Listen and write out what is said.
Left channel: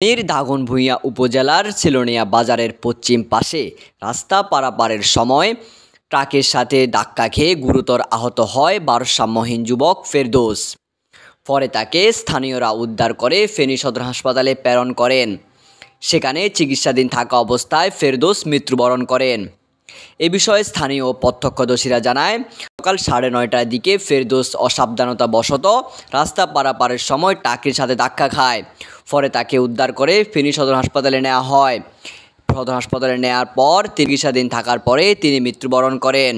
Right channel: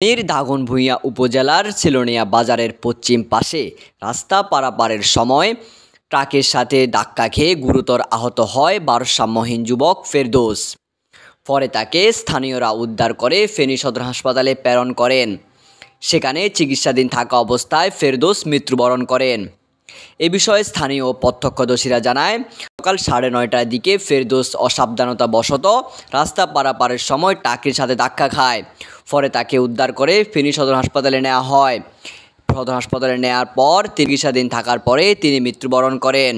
ফেনীর দাগনভূঞা উপজেলার ছেলনিয়া বাজারের পশ্চিম পাশে রাস্তা পারাপারের সময় ট্রাকের সাথে ধাক্কা খেয়ে গুরুতর আহত হয় ভারসাম্যহীন যুবক ফেরদৌস। পরে তাকে স্থানীয়রা উদ্ধার করে ফেনী সদর হাসপাতালে প্রেরণ করেন। সেখানে চিকিৎসাধীন থাকা অবস্থায় ফেরদৌস মৃত্যুবরণ করেন। এ বিষয়ে স্থানীয় প্রত্যক্ষদর্শীরা জানায়, সকাল 9:30টার দিকে ফেরদৌস অসাবধানতাবশত রাস্তা পারাপারের সময় ট্রাকের সাথে ধাক্কা খায়। পরে তাকে উদ্ধার করে ফেনী সদর হাসপাতালে নেওয়া হয়। সদর হাসপাতালে নেওয়ার পর চিকিৎসাধীন থাকার পরে তিনি মৃত্যুবরণ করেন।